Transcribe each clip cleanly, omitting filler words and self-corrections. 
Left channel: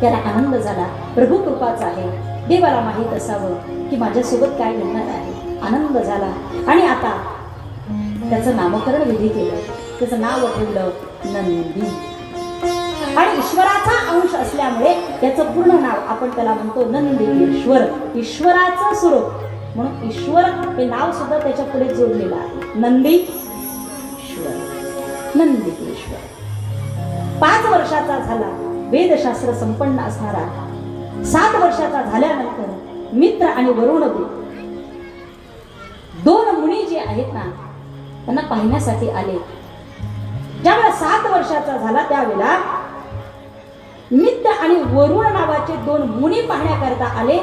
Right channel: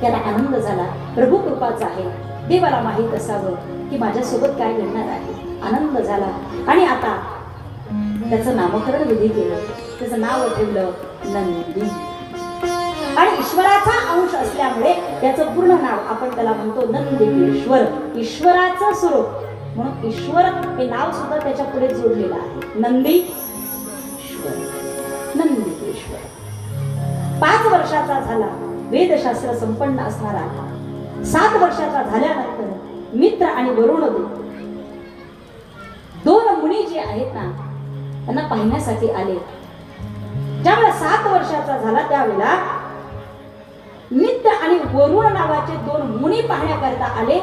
त्याला आनंद झाला. प्रभू कृपाच आहे, देवाला माहीत असावं की माझ्यासोबत काय घडणार आहे. आनंद झाला आणि आता त्याचं नामकरण विधी केलं. त्याचं नाव ठेवलं नंदी. आणि ईश्वराचा अंश असल्यामुळे त्याचं पूर्ण नाव आपण त्याला म्हणतो नंदीकेश्वर, ईश्वराचं स्वरूप. म्हणून ईश्वर हे नाव सुद्धा त्याच्या पुढे जोडलेलं आहे, नंदीश्वर, नंदीकेश्वर. 5 वर्षाचा झाला, वेदशास्त्र संपन्न असणारा. 7 वर्षाचा झाल्यानंतर मित्र आणि वरुणदेव 2 मुनी जे आहेत ना त्यांना पाहण्यासाठी आले. ज्यावेळेला 7 वर्षाचा झाला त्यावेळेला मित्र आणि वरुण नावाचे 2 मुनी पाहण्याकरता आले.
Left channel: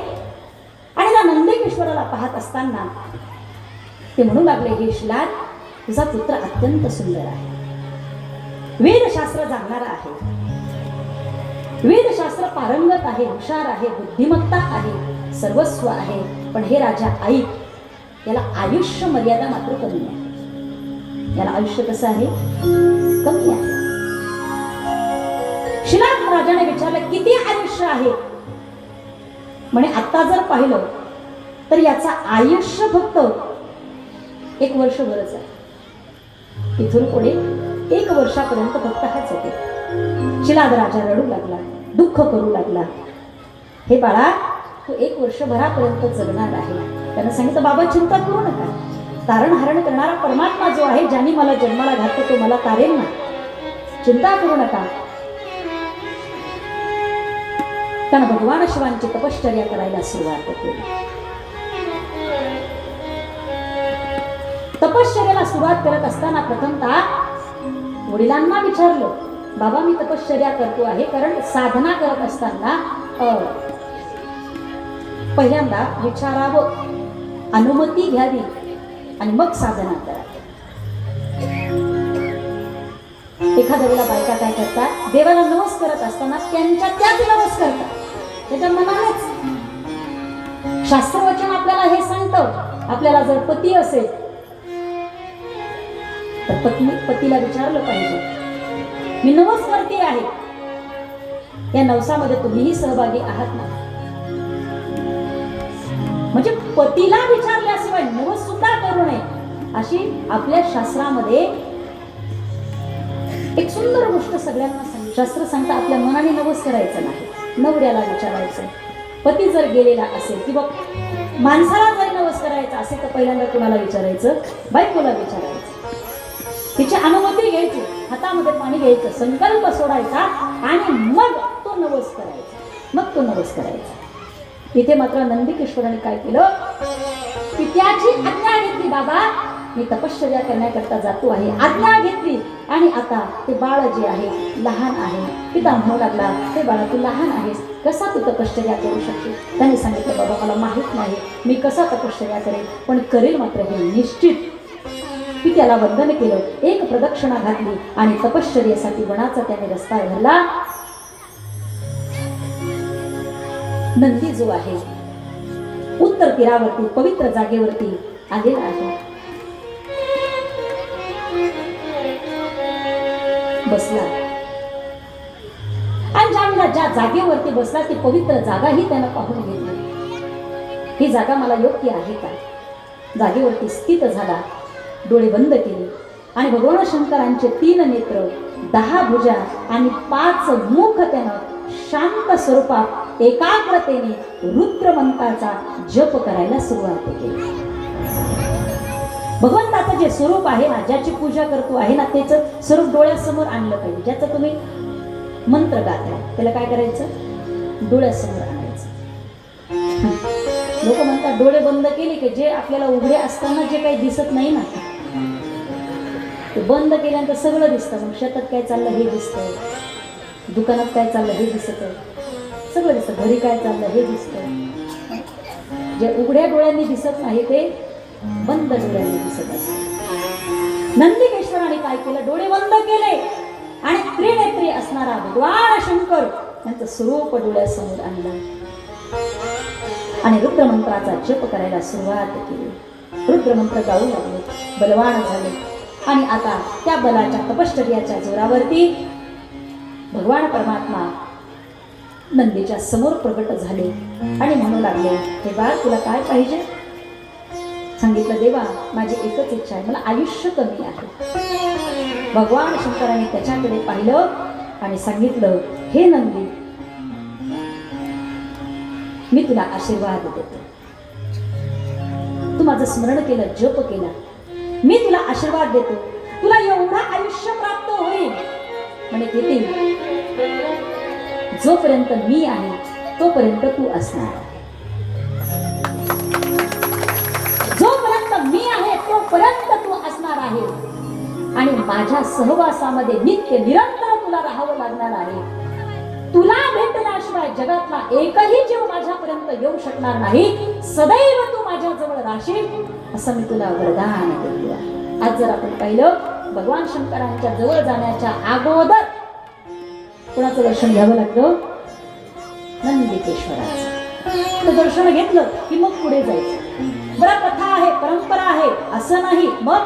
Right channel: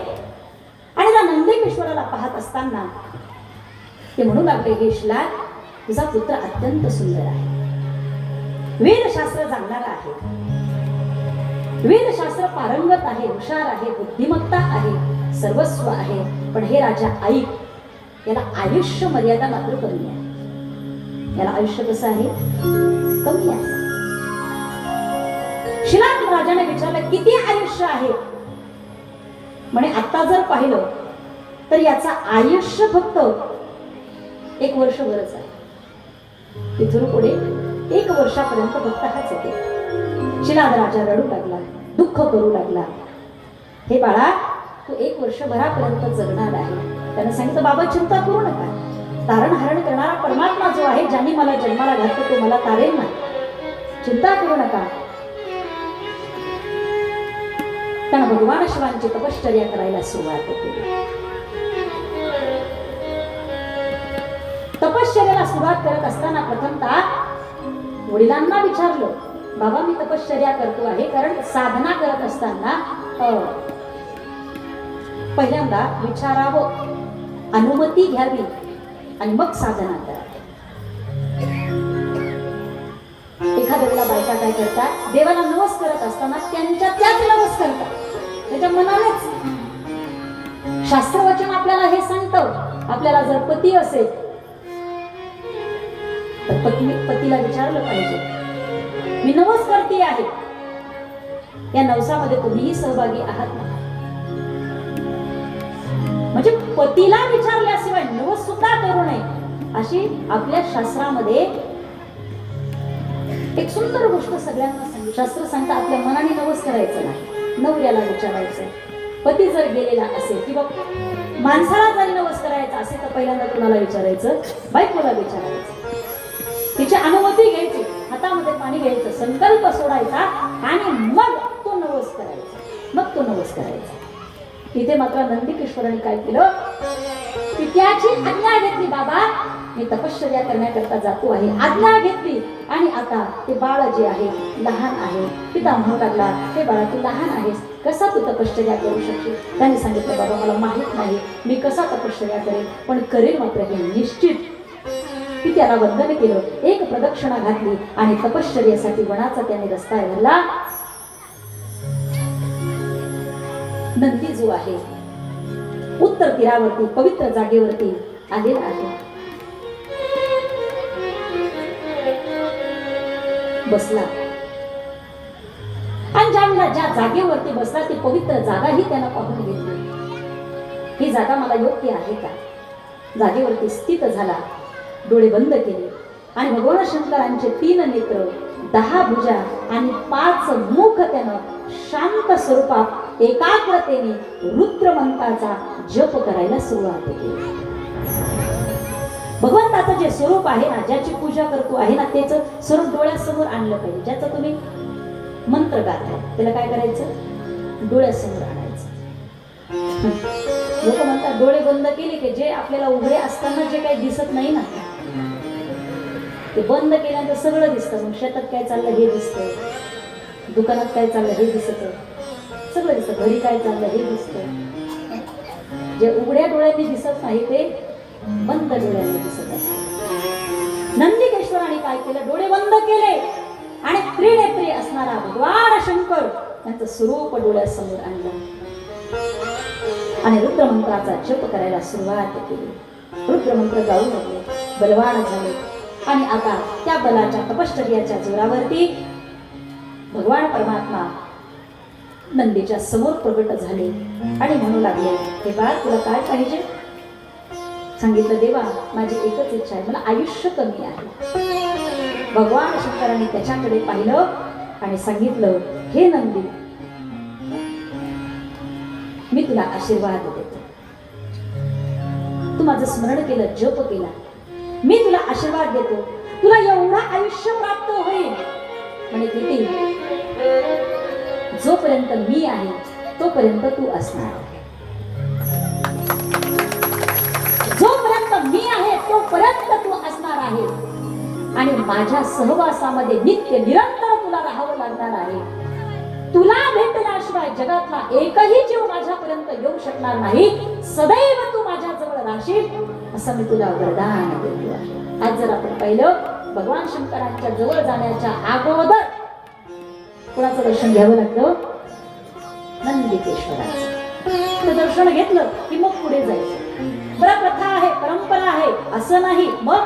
आणि त्या नंदीकेश्वराला पाहत असताना ते म्हणू लागले, हे श्लाघ, तुझा पुत्र अत्यंत सुंदर आहे, वेदशास्त्र जाणणारा आहे, वेदशास्त्र पारंगत आहे, हुशार आहे, बुद्धिमत्ता आहे, सर्वस्व आहे. पण हे राजा ऐक, याला आयुष्य मर्यादा मात्र कमी आहे. याला आयुष्य कसं आहे, कमी आहे. श्लाघ राजाने विचारलं, किती आयुष्य आहे? म्हणे आता जर पाहिलं तर याचा आयुष्य फक्त 1 वर्षभरच आहे. इथून पुढे 1 वर्षापर्यंत फक्त हाच होते. श्लाघ राजा रडू लागला, दुःख करू लागला. हे बाळा, तू 1 वर्षभरापर्यंत जगणार आहे. त्यानं सांगितलं, बाबा चिंता करू नका, तारण हरण करणारा परमात्मा जो आहे, ज्याने मला जन्माला घातलं तो मला तारेल ना, चिंता करू नका. त्यानं भगवान शिवांची तपश्चर्या करायला सुरुवात केली. तपश्चर्याला सुरुवात करत असताना प्रथमतः वडिलांना विचारलं, बाबा मी तपश्चर्या करतो आहे, कारण साधना करत असताना पहिल्यांदा विचारावं, अनुमती घ्यावी आणि मग साधना करावी. एखाद्या वेळेला बायका काय करतात, देवाला नवस करत असताना त्यांच्या त्याच नवस करतात, त्याच्या मनानेच. शास्त्रवचन आपल्याला हे सांगतं, आपल्याला जर पती असेल तर पतीला विचारलं पाहिजे, मी नवस करते आहे, या नवसामध्ये तुम्हीही सहभागी आहात ना. म्हणजे पतीला विचारल्याशिवाय नवस सुद्धा करू नये, अशी आपल्या शास्त्रामध्ये एक सुंदर गोष्ट सगळ्यांना सांगितली. शास्त्र सांगतं आपल्या मनाने नवस करायचं नाही, नवऱ्याला विचारायचं. पती जर गेलेला असेल किंवा माणसाला जरी नवस करायचा असेल तर पहिल्यांदा कुणाला विचारायचं, बायकोला विचारायचं, तिची अनुमती घ्यायची, हातामध्ये पाणी घ्यायचं, संकल्प सोडायचा आणि मग तो नवस करायचा, मग तो नवस करायचा. इथे मात्र नंदीकेश्वराने काय केलं की त्याची आज्ञा घेतली, बाबा मी तपश्चर्या करण्याकरता जातो आहे, आज्ञा घेतली. आणि आता ते बाळ जे आहे लहान आहे, पिता म्हणू लागला, हे बाळा तू लहान आहेस, कसा तू तपश्चर्या करू शकशील? त्यांनी सांगितलं, बाबा मला माहित नाही मी कसा तपश्चर्या करेन, पण करेल मात्र हे निश्चित. की त्याला वंदन केलं, 1 प्रदक्षिणा घातली आणि तपश्चर्यासाठी वनाचा त्याने रस्ता भरला. नंदी जो आहे उत्तर तीरावरती पवित्र जागेवरती आलेला आहे, बसला. आणि ज्यावेळेला ज्या जागेवरती बसला ती पवित्र जागा ही त्यानं पाहून घेतली. ही जागा मला योग्य आहे का? जागेवरती स्थित झाला, डोळे बंद केले आणि भगवान शंकरांचे 3 नेत्र, 10 भुजा आणि 5 मुख त्यानं शांत स्वरूपात एकाग्रतेने रुद्रमंत्राचा जप करायला सुरुवात केली. भगवंताचं जे स्वरूप आहे ना, ज्याची पूजा करतो आहे ना, त्याचं स्वरूप डोळ्यासमोर आणलं पाहिजे. ज्याचं तुम्ही मंत्र गाताय त्याला काय करायचं, डोळ्यासमोर आणायचं. लोक म्हणतात डोळे बंद केले की जे आपल्याला उघडे असताना जे काही दिसत नाही ना ते बंद केल्यानंतर सगळं दिसतं. मग शेतात काय चाललं हे दिसतं, दुकानात काय चाललं हे दिसतं, सगळं दिसतं, घरी काय चाललं हे दिसतं. जे उघड्या डोळ्यांनी दिसत नाही ते बंद डोळ्यांनी दिसत असतं. नंदीकेश्वराने काय केलं, डोळे बंद केले आणि त्रिनेत्री असणारा भगवान शंकर यांचं स्वरूप डोळ्यासमोर आणलं आणि रुद्रमंत्राचा जप करायला सुरुवात केली. रुद्रमंत्र गाऊ लागले, बलवान झाले आणि आता त्या बलाच्या तपश्चर्याच्या जोरावरती भगवान परमात्मा नंदीच्या समोर प्रगट झाले आणि म्हणू लागले, हे बाळ तुला काय पाहिजे? सांगितलं, देवा माझी एकच इच्छा आहे, मला आयुष्य कमी आहे. भगवान शंकराने त्याच्याकडे पाहिलं आणि सांगितलं, हे नंदी मी तुला आशीर्वाद देते. तू माझं स्मरण केलं, जप केला, मी तुला आशीर्वाद देतो. तुला एवढा आयुष्य प्राप्त होईल म्हणे किती, जोपर्यंत मी आहे तोपर्यंत तू असणार. जोपर्यंत मी आहे तोपर्यंत तू असणार आहे आणि माझ्या सहवासामध्ये नित्य निरंतर तुला राहावं लागणार आहे. तुला भेटल्याशिवाय जगातला एकही जीव माझ्यापर्यंत येऊ शकणार नाही. सदैव तू माझ्या जवळ राहशील असं मी तुला वरदान केलं आहे. आज जर आपण पाहिलं, भगवान शंकरांच्या जवळ जाण्याच्या अगोदर कोणाचं दर्शन घ्यावं लागलं? नंदिकेश्वराचं. ते दर्शन घेतलं की मग पुढे जायचं. बरं, प्रथा आहे, परंपरा आहे असं नाही. मग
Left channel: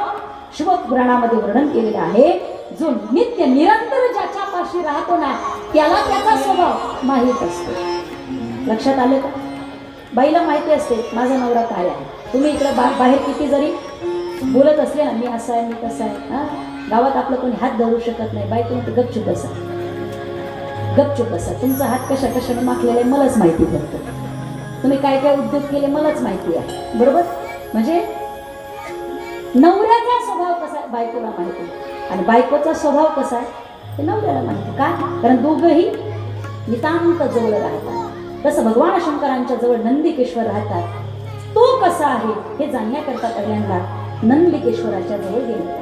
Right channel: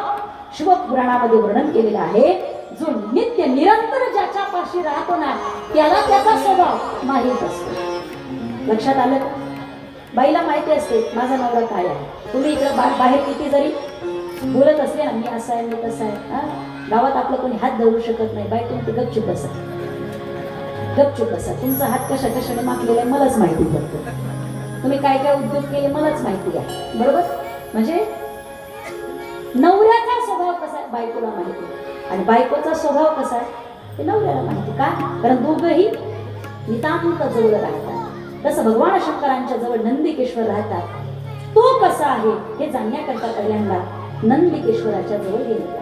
शिवपुराणामध्ये वर्णन केलेलं आहे, जो नित्य निरंतर ज्याच्या पाशी राहतो ना त्याला त्याचा स्वभाव माहीत असतो. लक्षात आलं का? बाईला माहिती असते माझा नवरा काय आहे. तुम्ही इकडे बाहेर किती जरी बोलत असले ना, मी असं आहे, मी तसं आहे, गावात आपलं कोणी हात धरू शकत नाही. बाई तुम्ही गपचूप असा, गपचूप असा. तुमचा हात कशा कशाने माखलेला आहे मलाच माहिती पडतं. तुम्ही काय काय उद्योग केले मलाच माहिती आहे, बरोबर? म्हणजे नवऱ्याचा स्वभाव कसा आहे बायकोला माहिती आणि बायकोचा स्वभाव कसा आहे ते नवऱ्याला माहिती. का? कारण दोघंही नितांत जवळ राहतात. तसं भगवान शंकरांच्या जवळ नंदिकेश्वर राहतात. तो कसा आहे हे जाणण्याकरता पहिल्यांदा नंदिकेश्वराच्या जवळ गेले.